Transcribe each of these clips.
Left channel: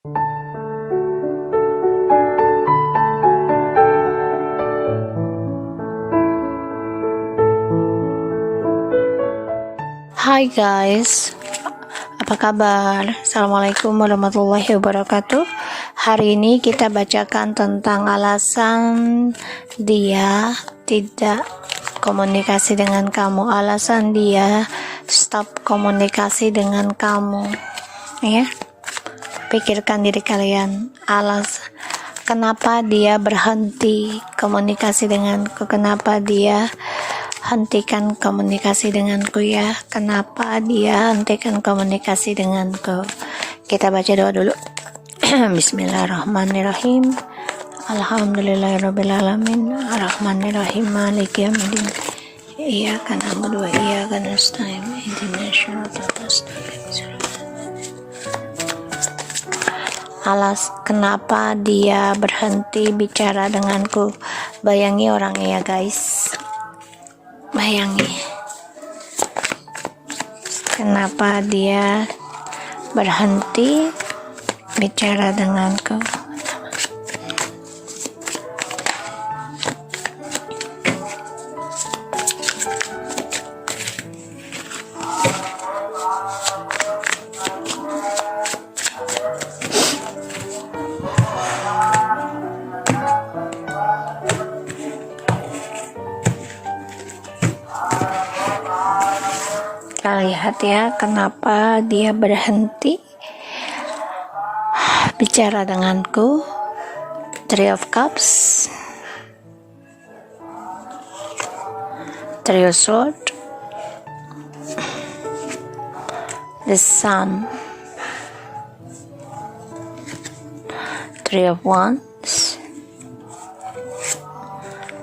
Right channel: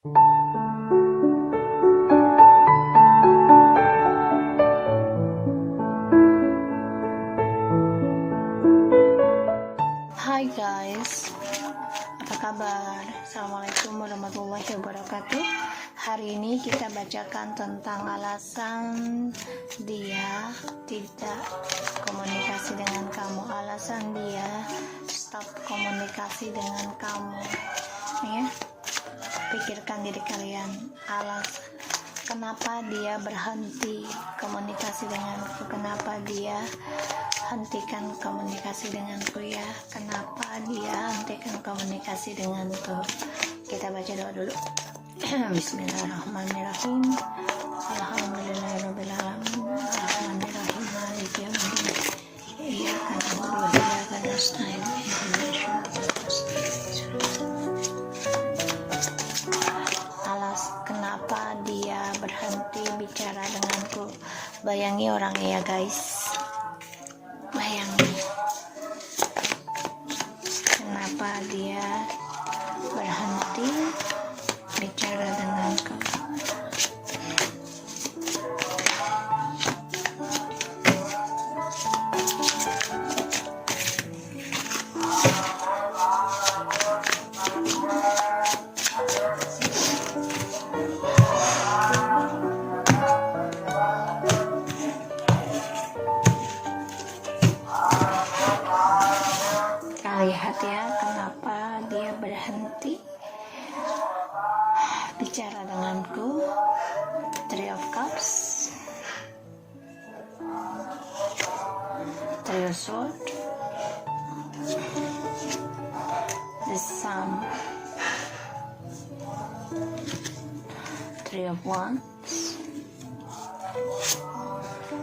Hai guys, apa kabar? Assalamualaikum warahmatullahi wabarakatuh. Hari ini kita bacakan tentang alasan dia tidak komunikasi dengan kamu, alasan dia stop komunikasi dengan kamu. Ya, pikirkan diri kalian, kenapa dia berhenti komunikasi denganku, kenapa dia hentikan komunikasi denganku ya, kenapa dia hentikan komunikasi denganku. Kita baca doa dulu. Bismillahirrahmanirrahim. Alhamdulillahirrabbilalamin, arrahmanirrahim, maliki yaumiddin, iyyaka na'budu wa iyyaka nasta'in, ihdinas siratal mustaqim. Kenapa dia berhenti bicara denganku. Bayangi orangnya ya guys, bayangi kenapa dia berhenti bicara denganku. Kita lihat ya, kenapa dia berhenti bicara denganku. Three of Cups, Three of Swords, the Sun, Three of Wands,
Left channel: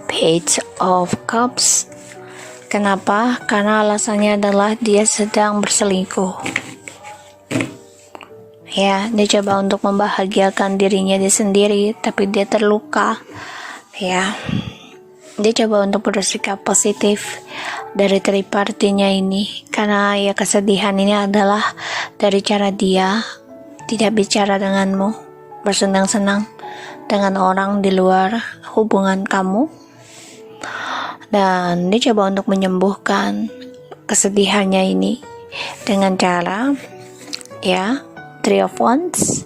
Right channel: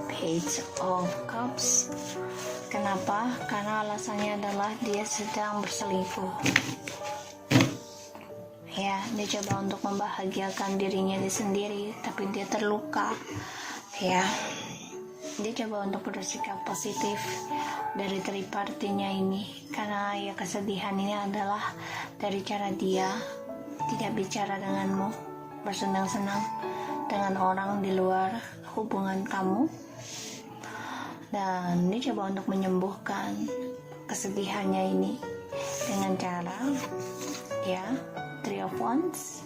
Page of Cups. Kenapa? Karena alasannya adalah dia sedang berselingkuh. Ya, dia coba untuk membahagiakan dirinya dia sendiri, tapi dia terluka. Ya, dia coba untuk bersikap positif dari tripartinya ini, karena ya kesedihan ini adalah dari cara dia tidak bicara denganmu, bersenang-senang dengan orang di luar hubungan kamu. Dan dia coba untuk menyembuhkan kesedihannya ini dengan cara ya, Three of Wands,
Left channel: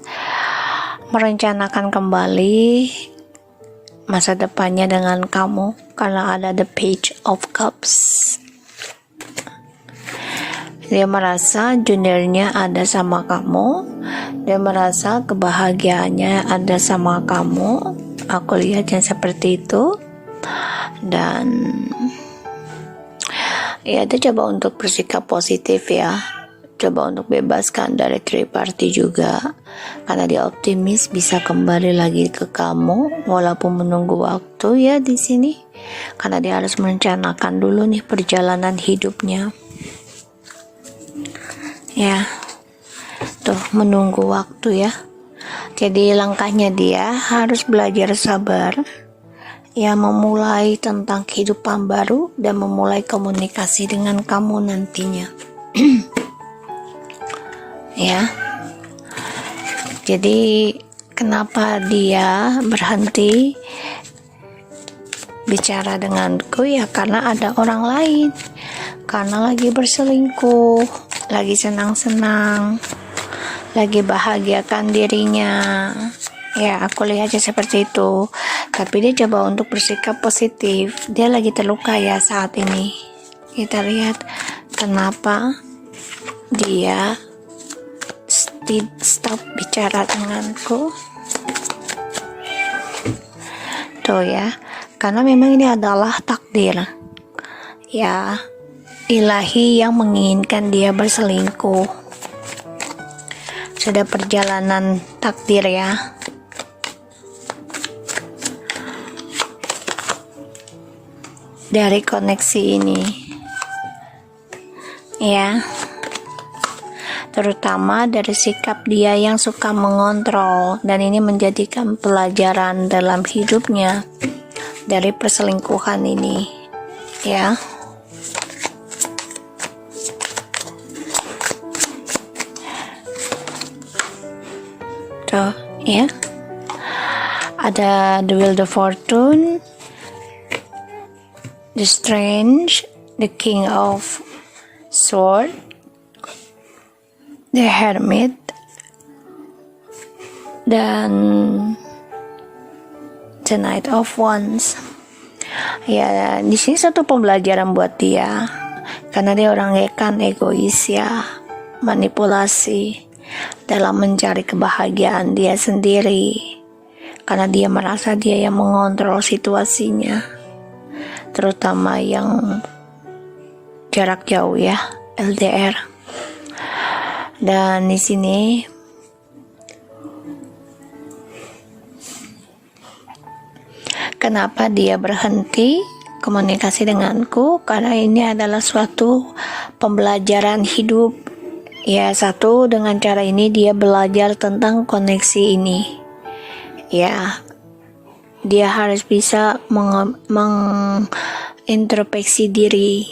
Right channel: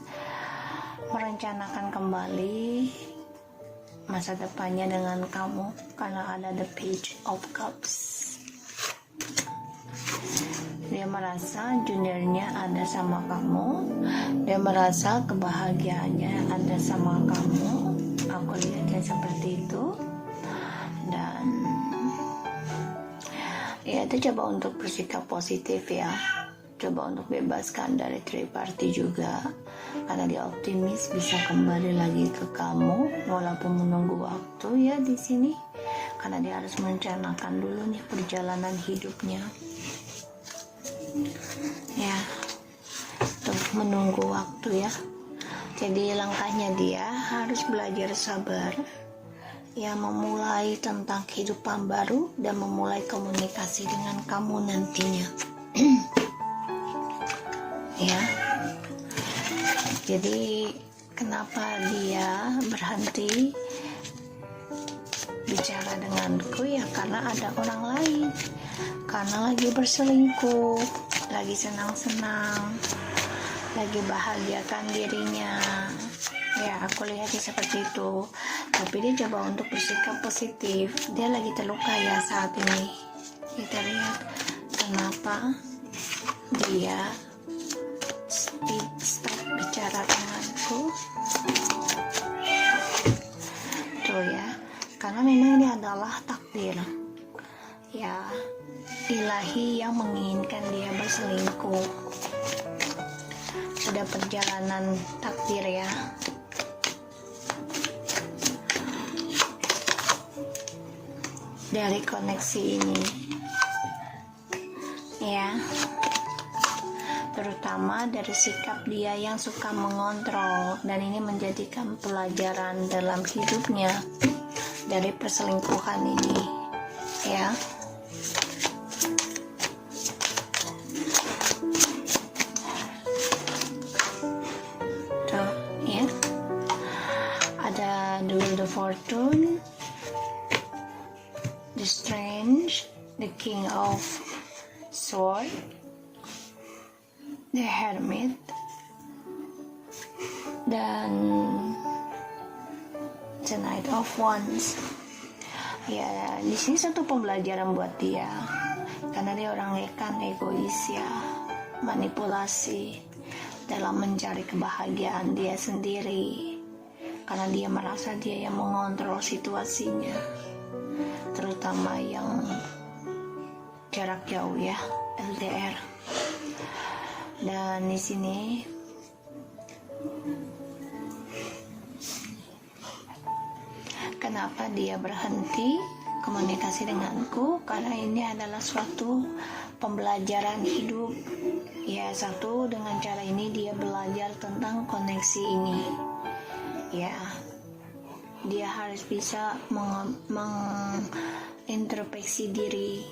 merencanakan kembali masa depannya dengan kamu, karena ada the Page of Cups. Dia merasa juniornya ada sama kamu, dia merasa kebahagiaannya ada sama kamu. Aku lihatnya seperti itu. Dan ya, dia coba untuk bersikap positif ya, coba untuk bebaskan dari triparty juga, karena dia optimis bisa kembali lagi ke kamu walaupun menunggu waktu ya di sini, karena dia harus merencanakan dulu nih perjalanan hidupnya ya, tuh menunggu waktu ya. Jadi langkahnya dia harus belajar sabar ya, memulai tentang kehidupan baru dan memulai komunikasi dengan kamu nantinya. Ya, jadi kenapa dia berhenti bicara denganku ya, karena ada orang lain, karena lagi berselingkuh, lagi senang-senang, lagi bahagiakan dirinya. Ya, aku lihatnya seperti itu. Tapi dia coba untuk bersikap positif. Dia lagi terluka ya saat ini. Kita lihat kenapa dia stop bicara denganku. Tuh ya, karena memang ini adalah takdir ya, ilahi yang menginginkan dia berselingkuh. Sudah perjalanan takdir ya. Dari koneksi ini ya, terutama dari sikap dia yang suka mengontrol, dan ini menjadikan pelajaran dalam hidupnya dari perselingkuhan ini ya. tuh ya. Ada the Wheel of Fortune, the Strange, the King of Sword, the Hermit, dan the Knight of Wands. Ya, di sini satu pembelajaran buat dia, karena dia orang egois ya, manipulasi dalam mencari kebahagiaan dia sendiri, karena dia merasa dia yang mengontrol situasinya, terutama yang jarak jauh ya, LDR. Dan di sini kenapa dia berhenti komunikasi denganku? Karena ini adalah suatu pembelajaran hidup. Ya, satu, dengan cara ini dia belajar tentang koneksi ini. Ya, dia harus bisa mengintrospeksi diri,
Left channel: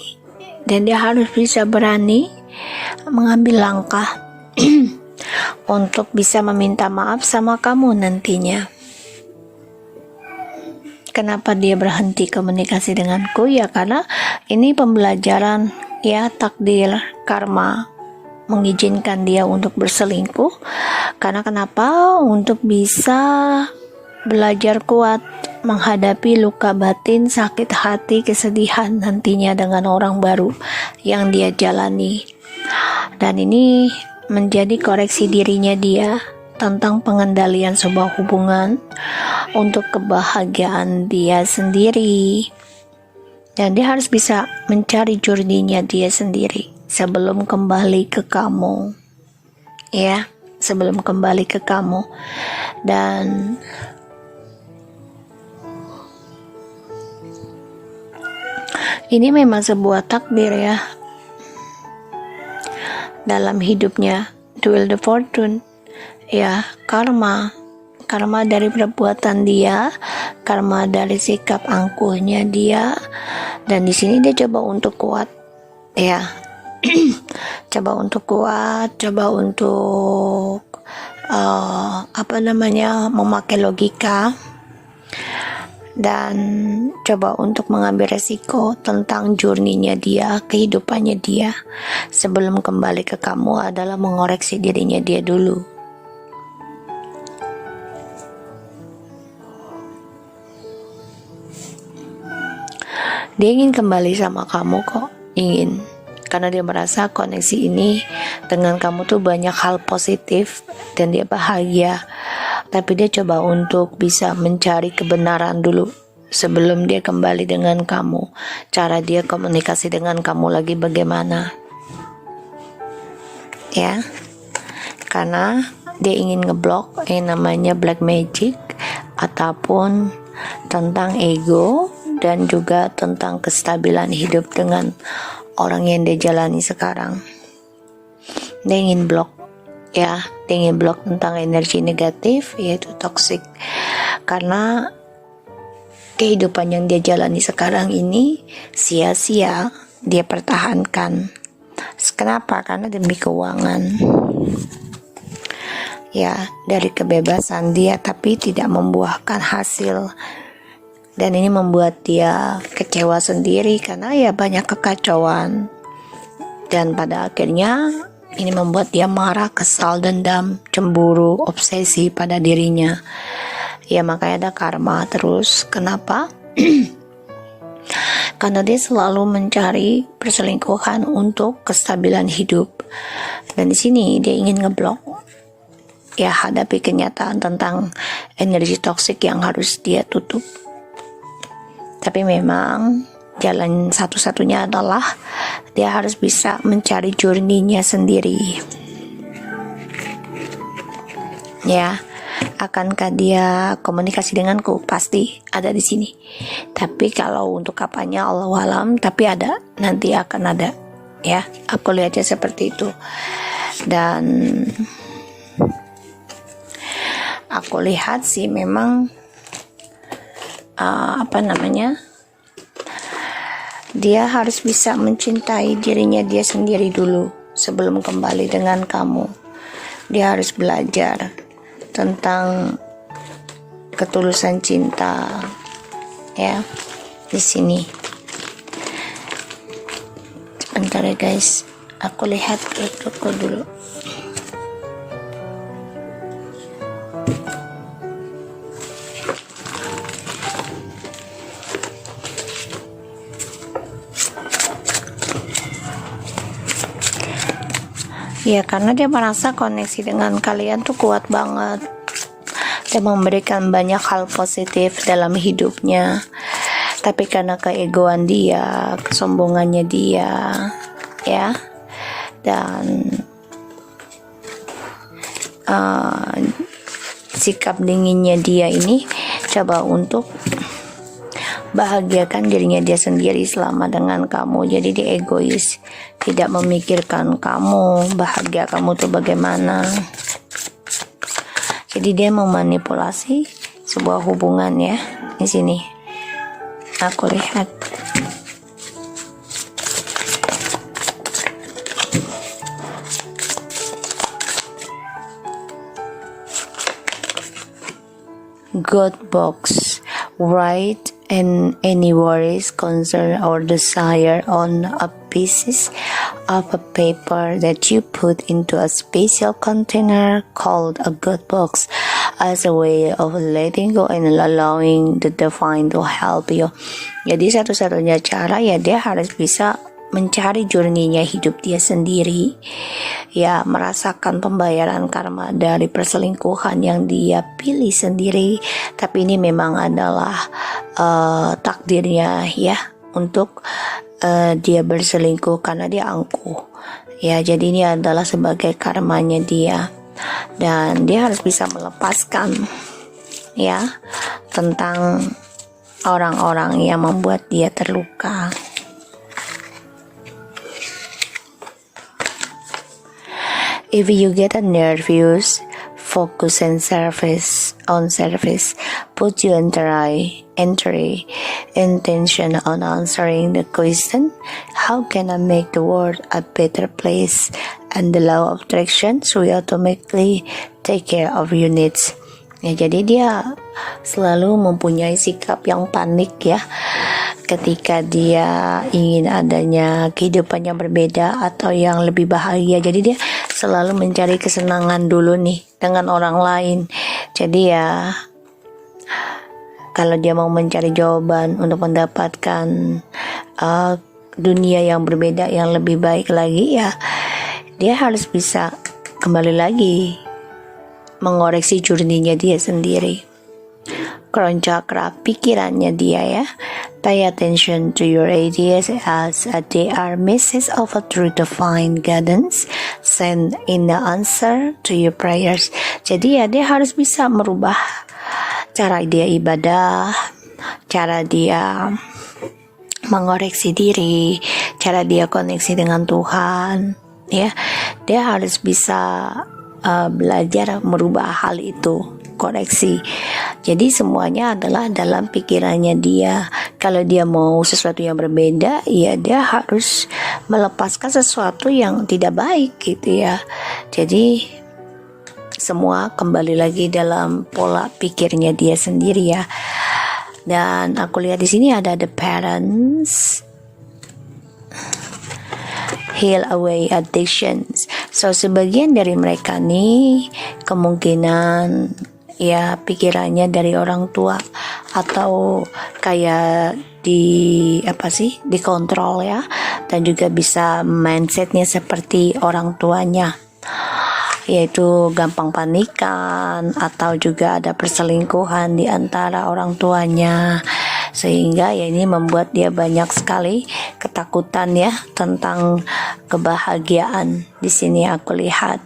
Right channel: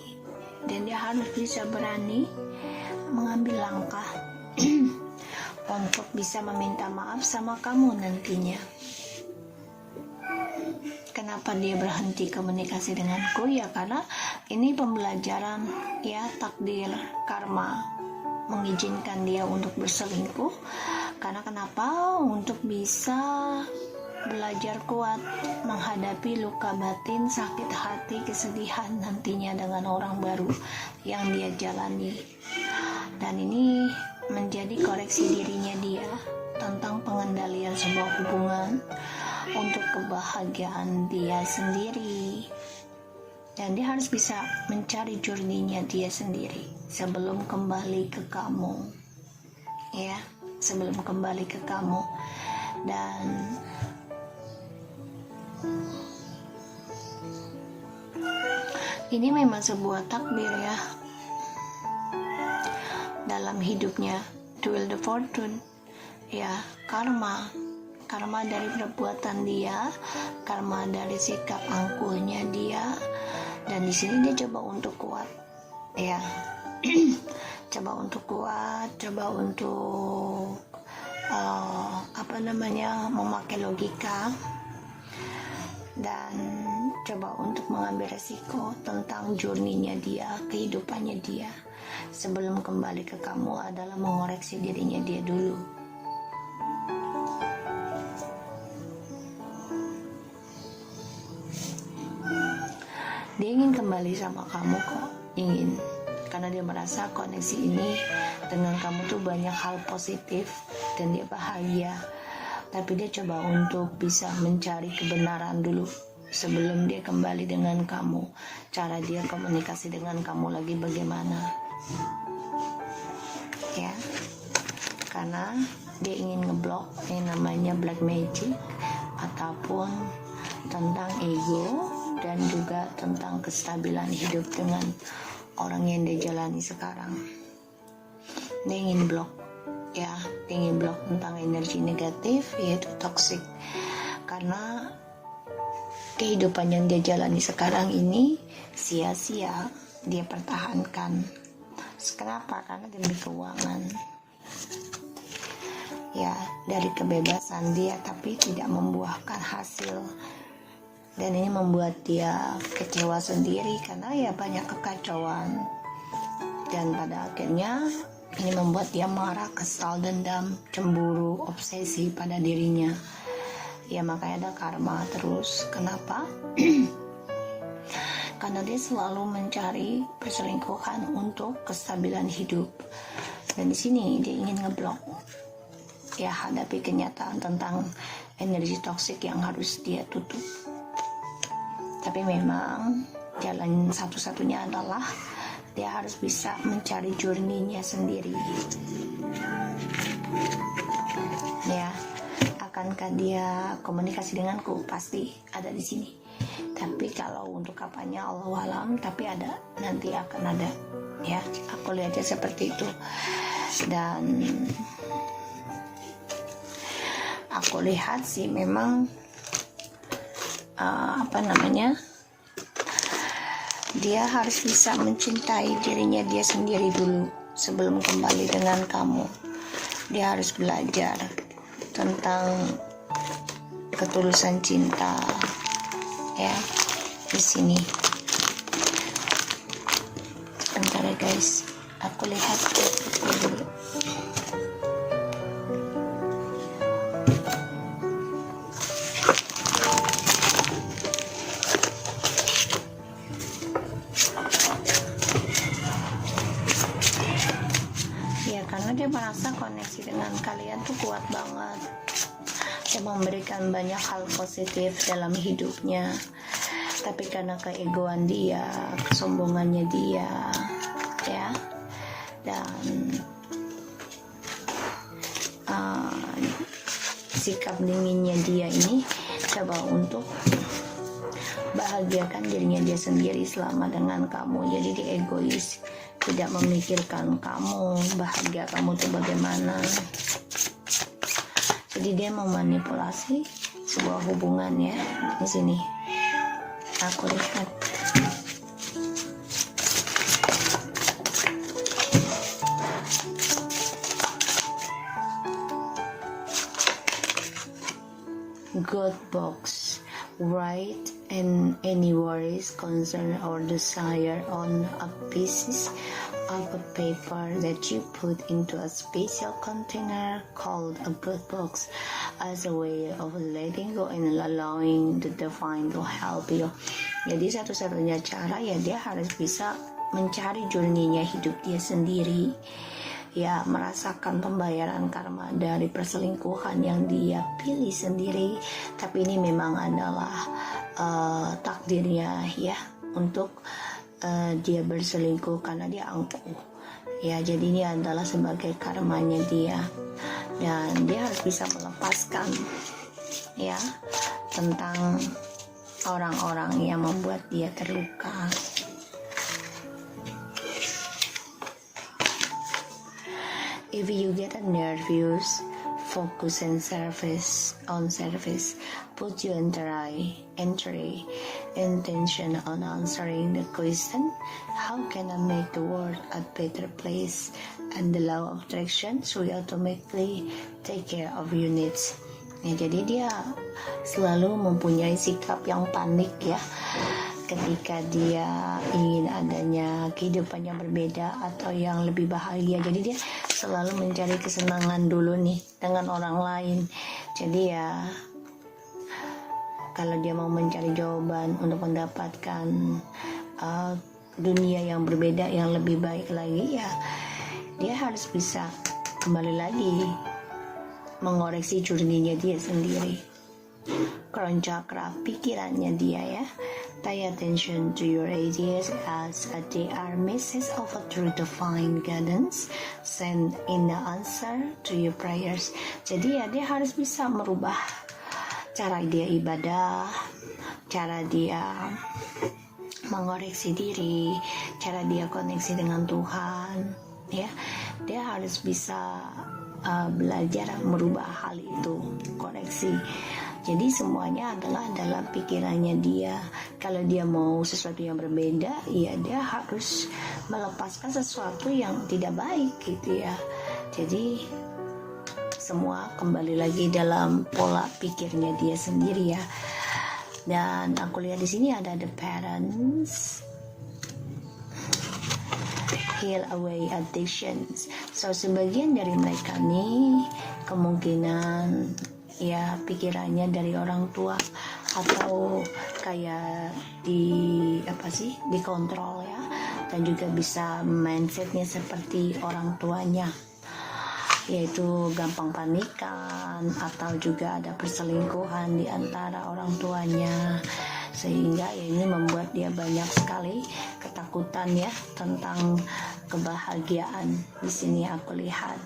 dan dia harus bisa berani mengambil langkah untuk bisa meminta maaf sama kamu nantinya. Kenapa dia berhenti komunikasi denganku? Ya karena ini pembelajaran ya, takdir, karma mengizinkan dia untuk berselingkuh. Karena kenapa? Untuk bisa belajar kuat menghadapi luka batin, sakit hati, kesedihan nantinya dengan orang baru yang dia jalani. Dan ini menjadi koreksi dirinya dia tentang pengendalian sebuah hubungan untuk kebahagiaan dia sendiri. Dan dia harus bisa mencari journey-nya dia sendiri sebelum kembali ke kamu. Ya, sebelum kembali ke kamu. Dan ini memang sebuah takdir ya dalam hidupnya. The Wheel of Fortune ya, karma dari perbuatan dia, karma dari sikap angkuhnya dia. Dan di sini dia coba untuk kuat ya. coba untuk memakai logika, dan coba untuk mengambil resiko tentang journey-nya dia, kehidupannya dia. Sebelum kembali ke kamu adalah mengoreksi dirinya dia dulu. Dia ingin kembali sama kamu kok, ingin. Karena dia merasa koneksi ini dengan kamu tuh banyak hal positif dan dia bahagia. Tapi dia coba untuk bisa mencari kebenaran dulu sebelum dia kembali dengan kamu. Cara dia komunikasi dengan kamu lagi bagaimana? Ya, karena dia ingin ngeblok namanya black magic, ataupun tentang ego, dan juga tentang kestabilan hidup dengan orang yang dia jalani sekarang. Dia ingin blok ya, dia ingin blok tentang energi negatif, yaitu toxic. Karena kehidupan yang dia jalani sekarang ini sia-sia dia pertahankan. Kenapa? Karena demi keuangan ya, dari kebebasan dia, tapi tidak membuahkan hasil. Dan ini membuat dia kecewa sendiri karena ya banyak kekacauan. Dan pada akhirnya ini membuat dia marah, kesal, dendam, cemburu, obsesi pada dirinya. Ya makanya ada karma terus. Kenapa? Karena dia selalu mencari perselingkuhan untuk kestabilan hidup. Dan di sini dia ingin ngeblok. Ya, hadapi kenyataan tentang energi toksik yang harus dia tutup. Tapi memang jalan satu-satunya adalah dia harus bisa mencari journey-nya sendiri. Ya, akankah dia komunikasi denganku? Pasti ada di sini. Tapi kalau untuk kapannya Allahu alam, tapi ada, nanti akan ada. Ya, aku lihatnya seperti itu. Dan aku lihat sih memang dia harus bisa mencintai dirinya dia sendiri dulu sebelum kembali dengan kamu. Dia harus belajar tentang ketulusan cinta ya di sini. Sebentar ya guys, aku lihat ke toko dulu. Ya, karena dia merasa koneksi dengan kalian tuh kuat banget dan memberikan banyak hal positif dalam hidupnya. Tapi karena keegoan dia, kesombongannya dia, ya, dan sikap dinginnya dia ini, coba untuk bahagiakan dirinya dia sendiri selama dengan kamu. Jadi dia egois, tidak memikirkan kamu, bahagia kamu tuh bagaimana. Jadi dia memanipulasi sebuah hubungan ya. Di sini aku lihat. God box, write and any worries, concern or desire on a piece of a paper that you put into a special container called a God box as a way of letting go and allowing the divine to help you. Jadi satu-satunya cara ya dia harus bisa mencari journey-nya hidup dia sendiri, ya, merasakan pembayaran karma dari perselingkuhan yang dia pilih sendiri. Tapi ini memang adalah takdirnya ya, untuk dia berselingkuh karena dia angkuh ya. Jadi ini adalah sebagai karmanya dia, dan dia harus bisa melepaskan ya tentang orang-orang yang membuat dia terluka. If you get a nervous, focus and service, put your entry intention on answering the question, how can I make the world a better place? And the law of attraction will automatically take care of your needs. Ya, jadi dia selalu mempunyai sikap yang panik ya, ketika dia ingin adanya kehidupan yang berbeda atau yang lebih bahagia. Jadi dia selalu mencari kesenangan dulu nih dengan orang lain. Jadi ya, kalau dia mau mencari jawaban untuk mendapatkan dunia yang berbeda, yang lebih baik lagi, ya dia harus bisa kembali lagi mengoreksi journey-nya dia sendiri. Crown chakra, pikirannya dia ya. Pay attention to your ideas as they are messages of a true divine guidance. Send in the answer to your prayers. Jadi ya dia harus bisa merubah cara dia ibadah, cara dia mengoreksi diri, cara dia koneksi dengan Tuhan ya. Dia harus bisa belajar merubah hal itu, koreksi. Jadi semuanya adalah dalam pikirannya dia. Kalau dia mau sesuatu yang berbeda, ya dia harus melepaskan sesuatu yang tidak baik gitu ya. Jadi semua kembali lagi dalam pola pikirnya dia sendiri ya. Dan aku lihat di sini ada the parents, heal away addictions. So sebagian dari mereka nih kemungkinan ya pikirannya dari orang tua, atau kayak dikontrol ya, dan juga bisa mindsetnya seperti orang tuanya, yaitu gampang panikan, atau juga ada perselingkuhan di antara orang tuanya. Sehingga ya ini membuat dia banyak sekali ketakutan ya tentang kebahagiaan. Di sini aku lihat.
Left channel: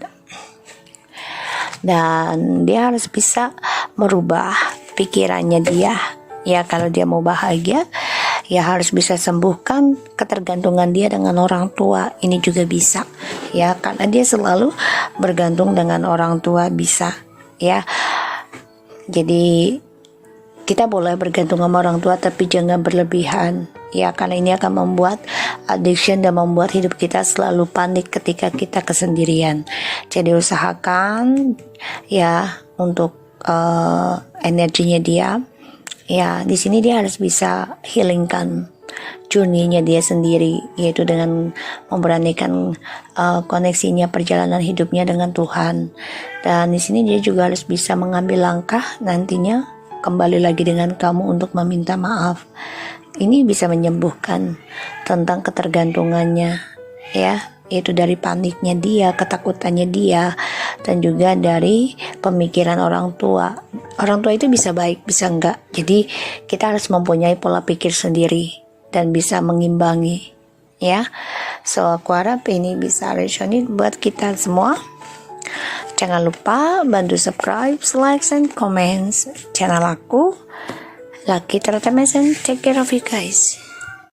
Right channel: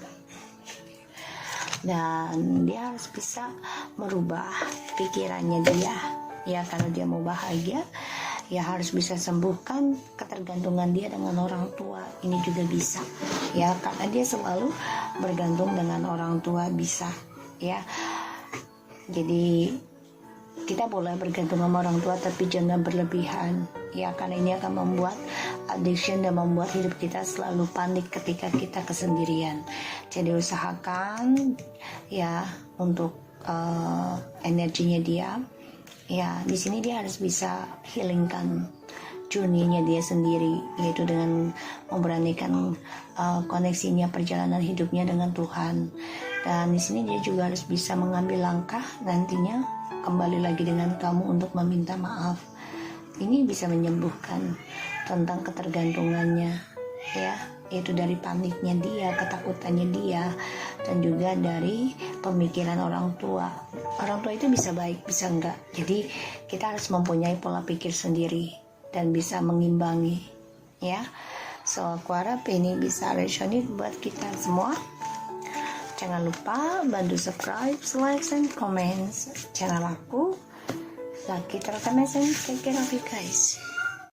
Dan dia harus bisa merubah pikirannya dia. Ya, kalau dia mau bahagia, ya harus bisa sembuhkan ketergantungan dia dengan orang tua. Ini juga bisa ya, karena dia selalu bergantung dengan orang tua, bisa ya. Jadi kita boleh bergantung sama orang tua, tapi jangan berlebihan ya, karena ini akan membuat addiction dan membuat hidup kita selalu panik ketika kita kesendirian. Jadi usahakan ya untuk energinya dia, ya di sini dia harus bisa healingkan journey-nya dia sendiri, yaitu dengan memberanikan koneksinya, perjalanan hidupnya dengan Tuhan. Dan di sini dia juga harus bisa mengambil langkah nantinya kembali lagi dengan kamu untuk meminta maaf. Ini bisa menyembuhkan tentang ketergantungannya, ya, yaitu dari paniknya dia, ketakutannya dia, dan juga dari pemikiran orang tua. Orang tua itu bisa baik, bisa enggak. Jadi kita harus mempunyai pola pikir sendiri dan bisa mengimbangi, ya. So aku harap ini bisa resonate buat kita semua. Jangan lupa bantu subscribe, like, and comments channel aku, Lucky Terutama, and take care of you guys.